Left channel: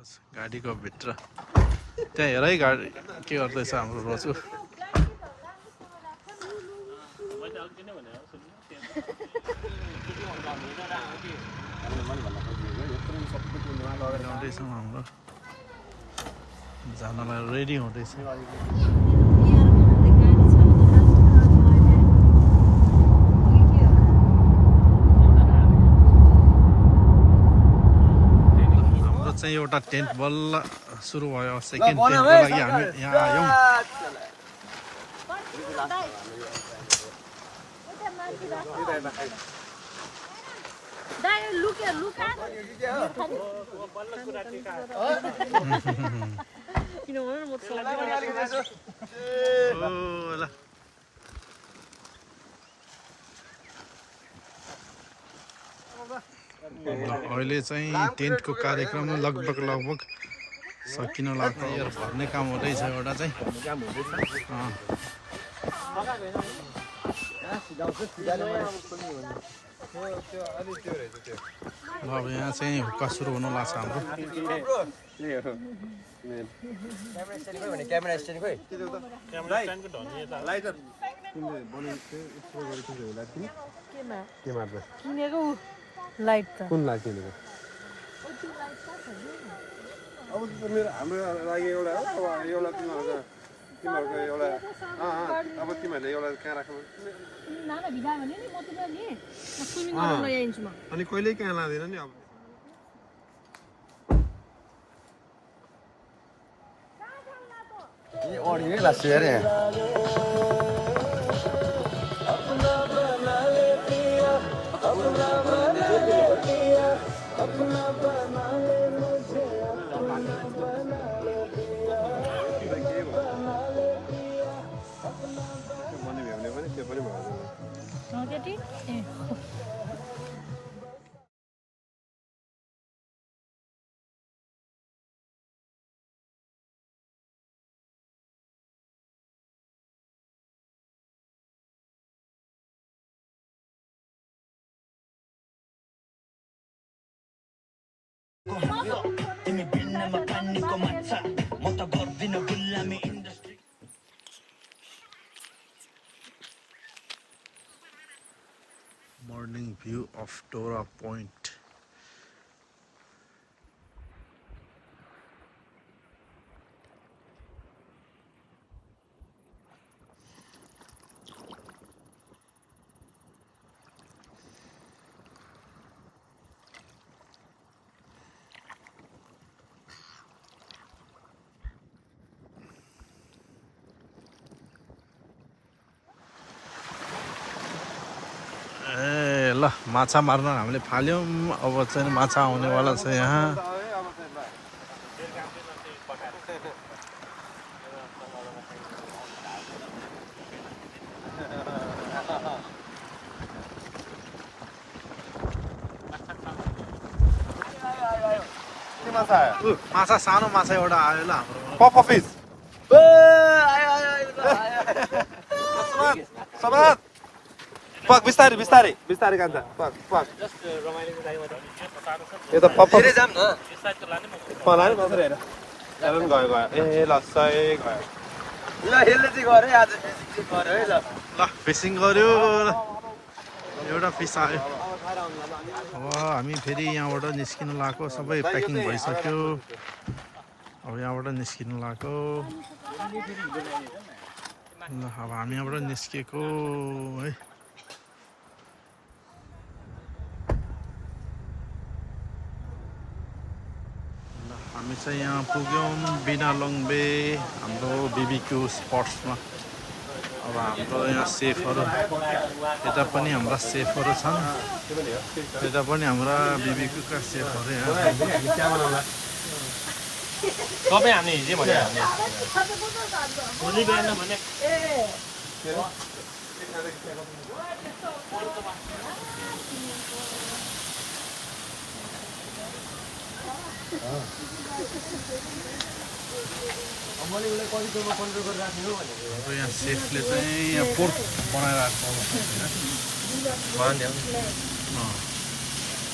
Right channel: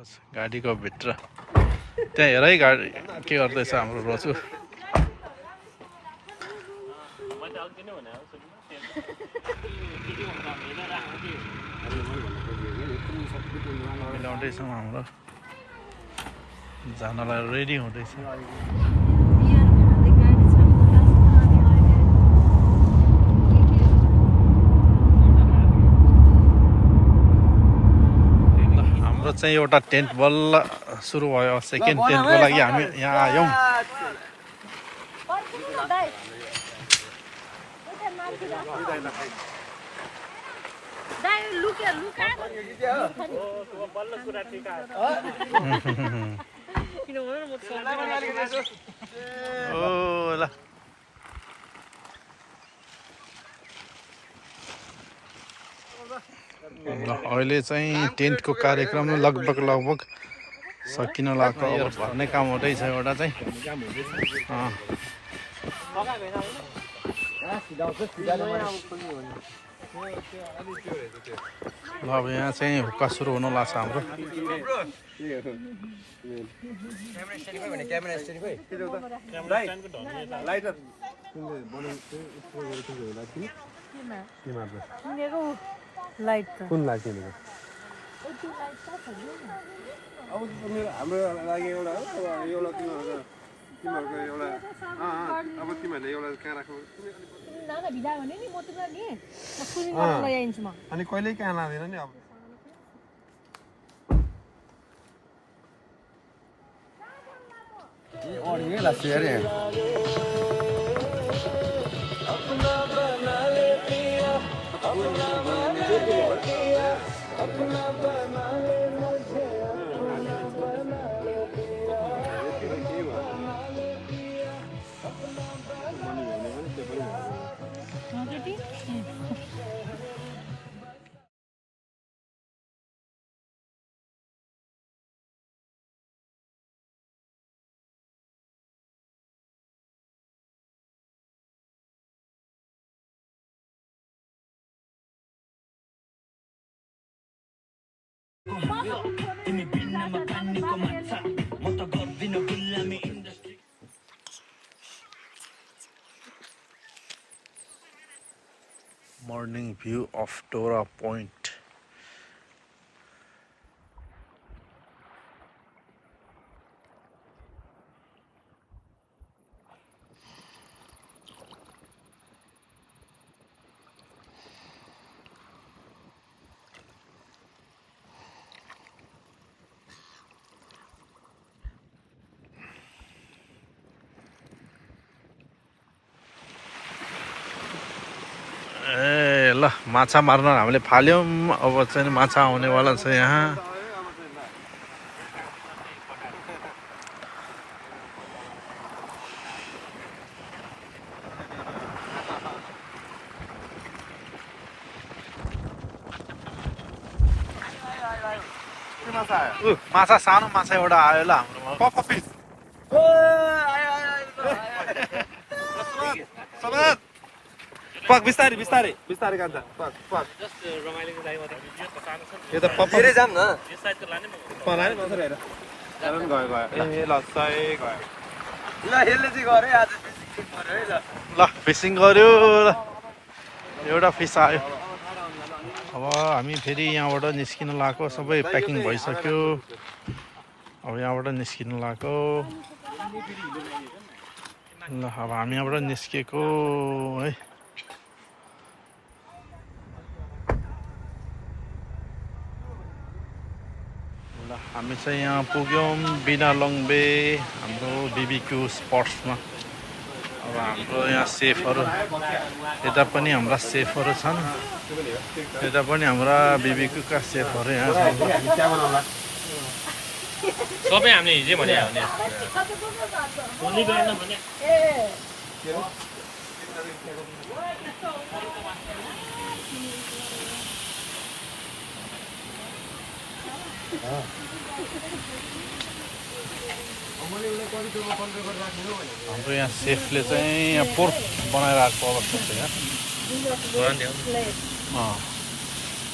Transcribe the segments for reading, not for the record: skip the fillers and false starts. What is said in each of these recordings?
गाडीको भित्र त्यहाँ हेर है गाडी के गर्दैछ हाम्रो रोजु मिलाउँदैछौँ हाम्रो जानलाई रेडी हुँदैछ हाम्रो चाहिँ एउटा टेन्ट बल्ल सुरु भयो सेकेन्ड टेन्टको लागि हामी यहाँ आयौँ ल अहिले चाहिँ टेन्टको कार्यक्रम लगभग सकिन लाग्यो भर्ने काम हुँदैछ एउटा चाहिँ ल अब यहाँ चाहिँ हुक्का सुरु हुन लाग्छ हाम्रो कुन लाइट किनेको अब हाम्रो लागि एउटा हो अब एउटा तिमीहरूको एउटा अब तिमीहरूले एउटा कहाँ राख्नु अनि कहिल्यै कहाँ लाँदैन नि अब अडियो लाग्छ अरे morning view of Dora Point. ल माछा मार्न हामीले फाल्यौँ अब चाहिँ माछा आउनेवाला छ यहाँ माछा सानो माछा एउटा आयो ल हाम्रोमा पक बिस्तारै बिस्तारै बिस्तारै कान्छ पक पक यो त पप फेरि जाम न पलाने बसरे हेर हेर पनि गयो ए लस्सै गयो ल यसले चाहिँ गरे आज गरे है ल फिसिङ गर्यो एउटा फिस आयो अब हामी फेरि यहाँबाट निस्किन लाग्यो सबै प्याकिङ भइसक्यो अब यहाँबाट निस्किन लाग्यो ल अब हामी यहाँबाट निस्केको है हामी चाहिँ यहाँ पुग्यौँ बिना लङ्बे हाम्रो बिबिक्यू स्पट्समा अब हाम्रो यहाँ सेफहरू यता पनि हाम्रा सेफहरू छन् यता पनि हाम्रा बिबिक्यूका सेफहरू यहाँ छन् सबै हामीले हिजै भने हाम्रो यहाँ सेफले चाहिँ यहाँ पोर्क बनाइरहेको अवस्था छ यहाँ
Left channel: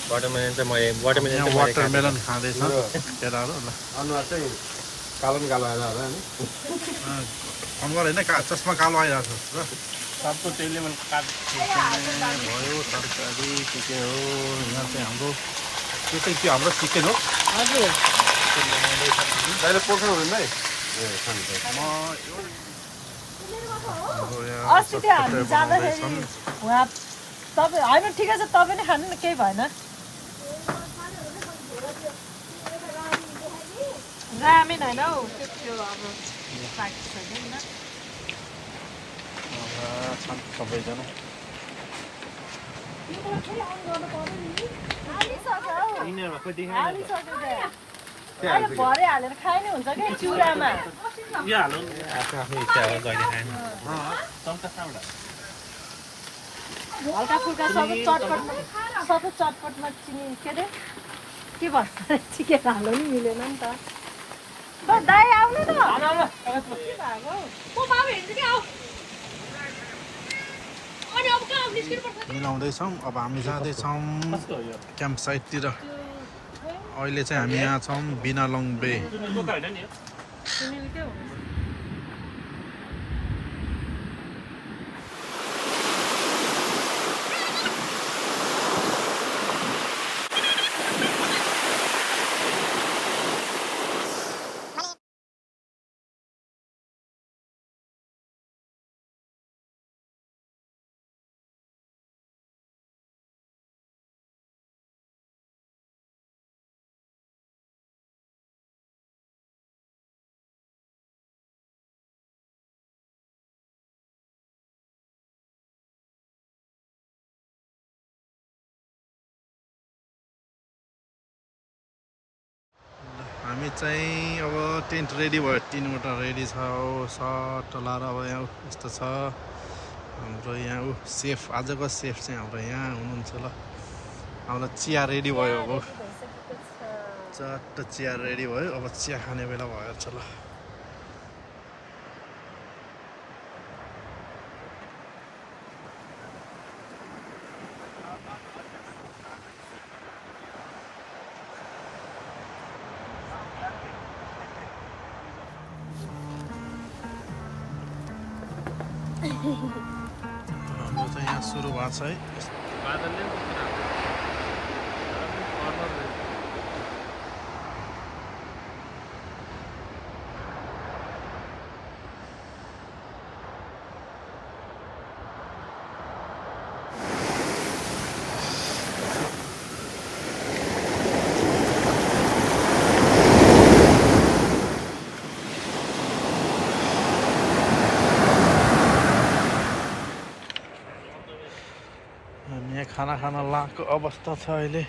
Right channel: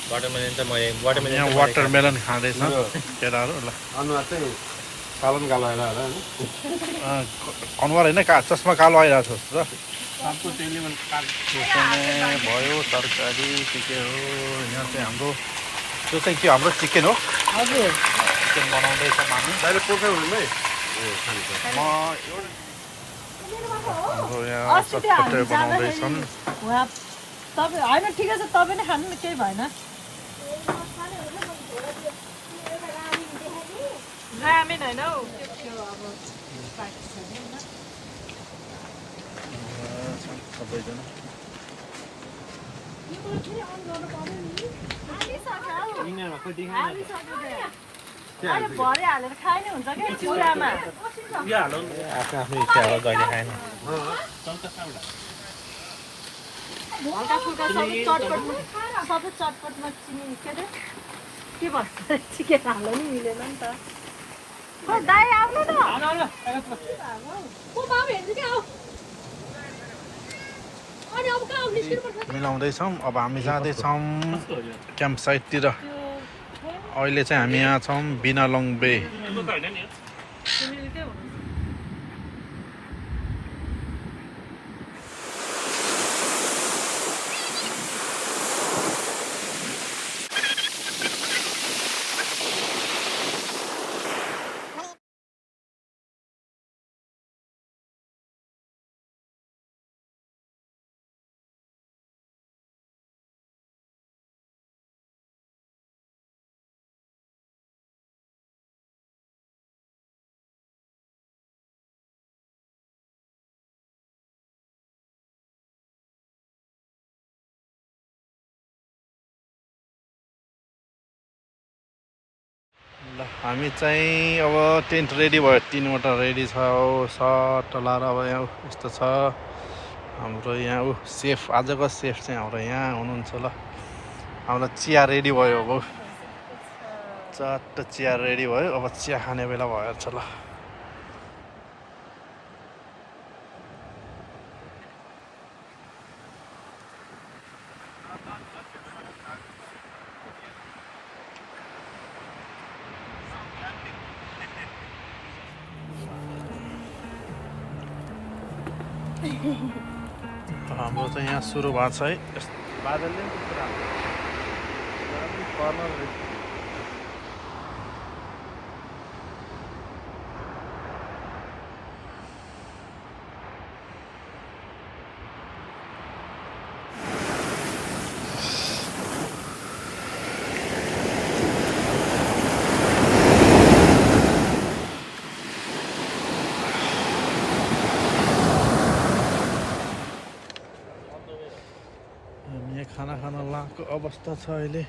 वाटरमेलन चाहिँ मैले हामी यहाँ वाटरमेलन खाँदैछ केटाहरू ल अनुहार चाहिँ कालो न कालो आइरहेको होइन अनुहार होइन चस्मा कालो आइरहेको छ र सबको त्यसले मैले भयो तरकारी के हो यहाँ चाहिँ हाम्रो त्यो चाहिँ के हाम्रो चिकन हो हजुर चिकन बनाउँदैछौँ हामी डाइरेक्ट पोख्यो भने म एउटा हाम्रो यहाँ चटपटे बनाउँदैछन् उहाँ तपाईँ होइन ठिकै छ तपाईँ नै खानु न केही भएन रामेन होइन हौ त्यो अब छन् सबैजना भरे हालेर खाइने हुन्छ कि चुरामा यो हालौँ आफ्नो आफ्नो इच्छा हो कहिले खाने हल्का फुल्का सबै चटपटमा चिनी के अरे के भन्छ चिकन हाल्नु नि मिलेन नि त दाइ आउनु न मिलाउँदैछौँ अब हामी जाँदैछौँ क्याम्प साइटतिर अहिले चाहिँ हामी यहाँ छौँ बिनालोङ बे ल हामी चाहिँ अब टेन्ट रेडी भयो 3वटा रेडी छ हो सर्ट लाएर अब यहाँ यस्तो छ हाम्रो यहाँ सेफ आजको सेफ चाहिँ हाम्रो यहाँ हुनुहुन्छ ल हाम्रो चिया रेडी भयो अब चट्ट चिया रेडी भयो अब चिया खाने बेला भएछ ल हाम्रो चाहिँ यहाँ सुरु भएको छ है यहाँ खाना खान लागेको अवस्था छ अहिले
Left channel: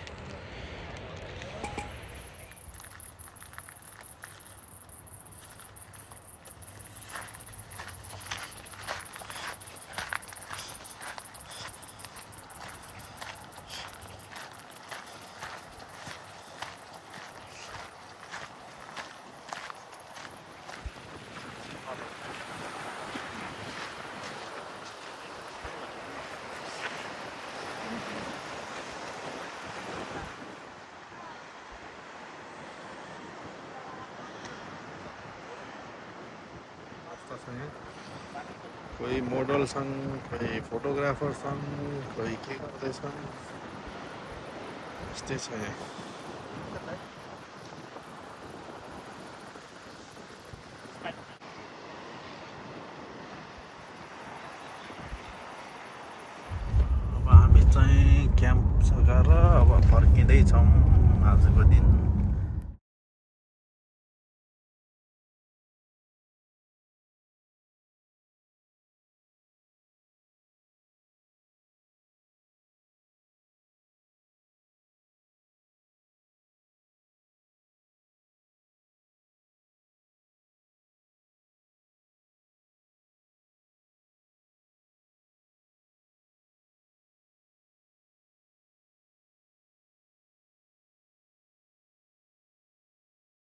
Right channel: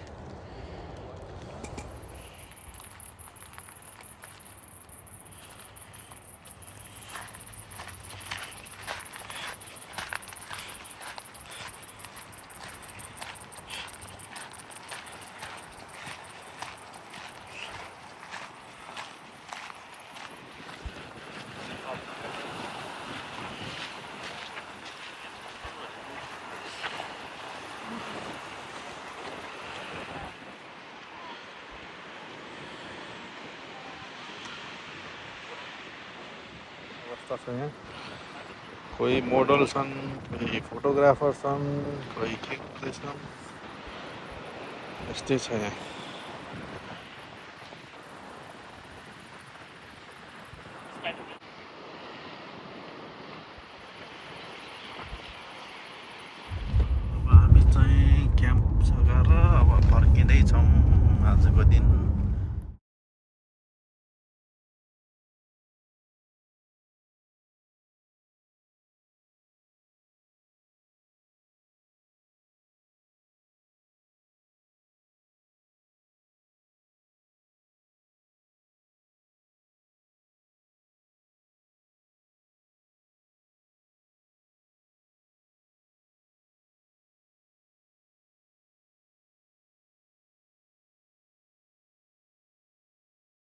कोही मोडल छन् कोही फोटोग्राफर छन् कोही के गर्दैछन् यस्तै छ यहाँ अब हामी चाहिँ क्याम्प सघाएर अब फर्किँदैछौँ आजको दिन